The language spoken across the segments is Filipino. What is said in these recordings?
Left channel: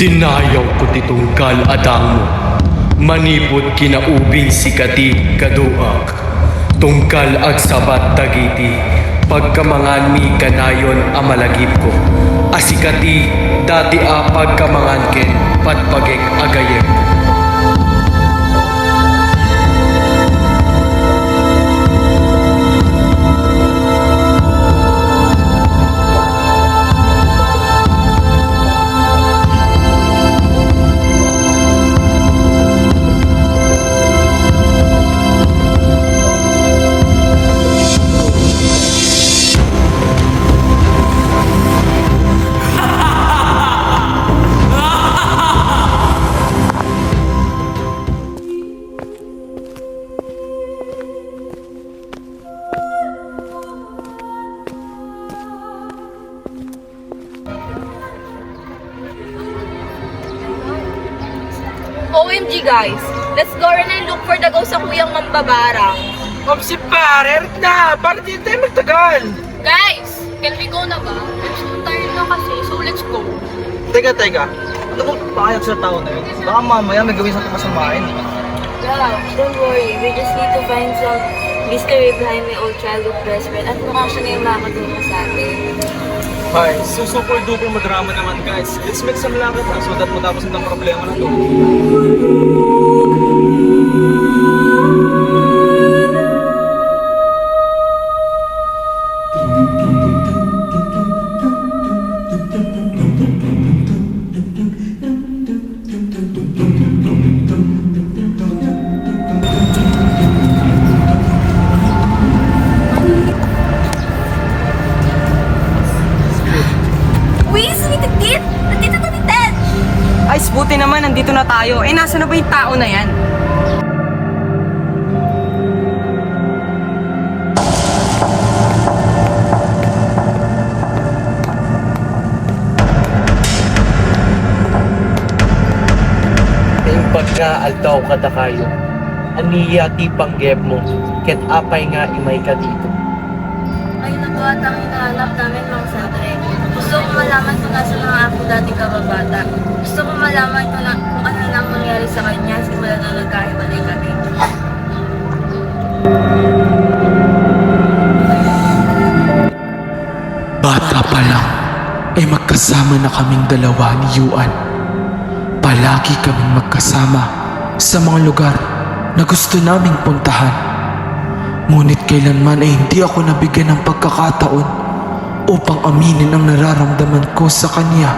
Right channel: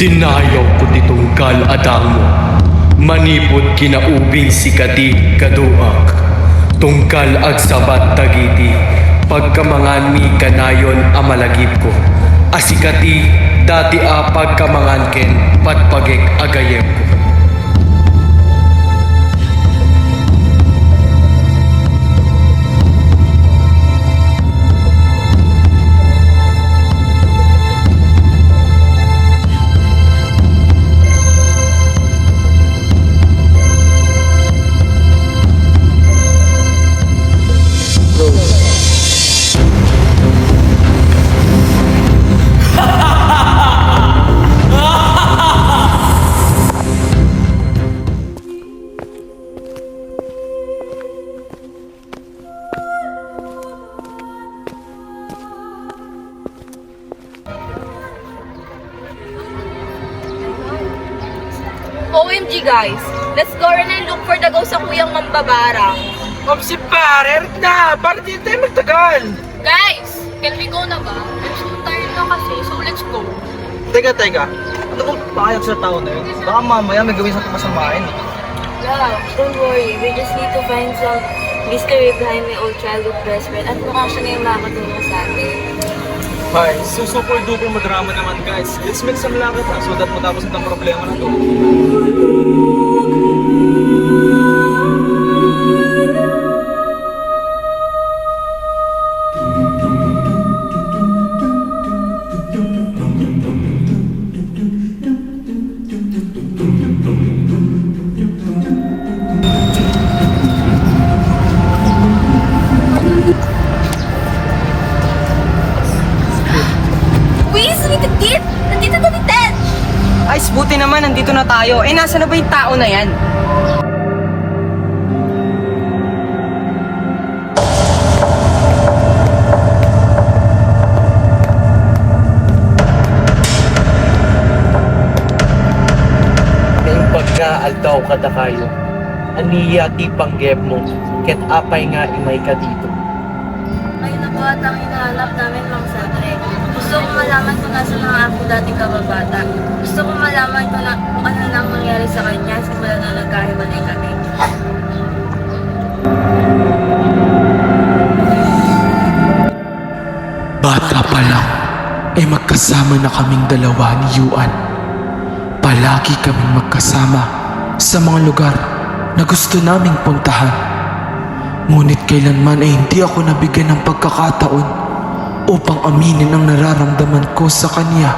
Dinayaw ko titungkal adang mo, manipod kinaubing sikati kaduak. Tungkal ag sabat dagiti, pagkamangan mi kanayon amalagip ko. Asikati dati pagkamangan ken patpagek agayem ko. OMG guys, let's go rin and look for the ghost sa kuyang mambabarang. Si pare, na! Para di tayo magtagal! Guys, can we go na ba? I'm so tired na kasi, so let's go. Teka. Ano bang payag sa tao na yun? Baka mamaya may gawin sa masamain. Yeah, don't worry. We just need to find some mystery behind my old childhood best friend at mukhang siya na yung makakatulong sa atin. Hi, so super duper madrama naman guys. Let's make some lakad na so that matapos itong problema na to. Nandito na ni Ted! Ay, buti naman, nandito na tayo. Eh, nasa na ba yung tao na yan? Naing pagkaaldaw kada kayo, aniya ti panggep mo, ket apay nga imay ka dito. Ay, naku at ang hinahanap namin, Mang Sandre. Gusto ko malaman kung nasa na ako dating kababata. Gusto ko malaman kung ano nang nangyari sa kanya simula na nagkahiwalay kami. Bata pa lang, ay magkasama na kaming dalawa ni Yuan. Palagi kaming magkasama sa mga lugar na gusto naming puntahan. Ngunit kailanman ay hindi ako nabigyan ng pagkakataon upang aminin ang nararamdaman ko sa kanya.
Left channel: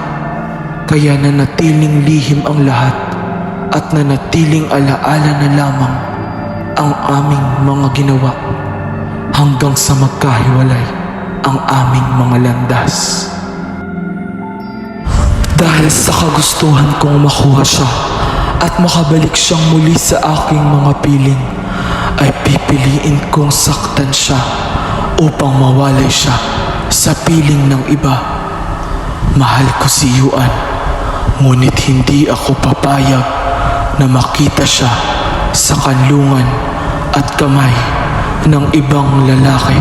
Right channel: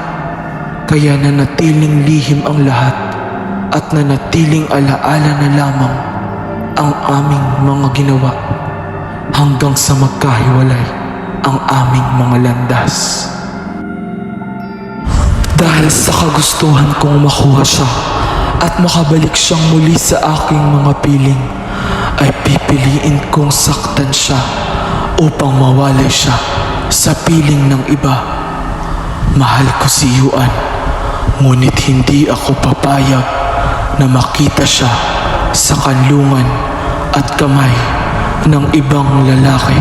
Kaya nanatiling lihim ang lahat at nanatiling alaala na lamang ang aming mga ginawa hanggang sa magkahiwalay ang aming mga landas. Dahil sa kagustuhan kong makuha siya at makabalik siyang muli sa aking mga piling, ay pipiliin kong saktan siya upang mawalay siya sa piling ng iba. Mahal ko si Yuan, ngunit hindi ako papayag na makita siya sa kanlungan at kamay ng ibang lalaki.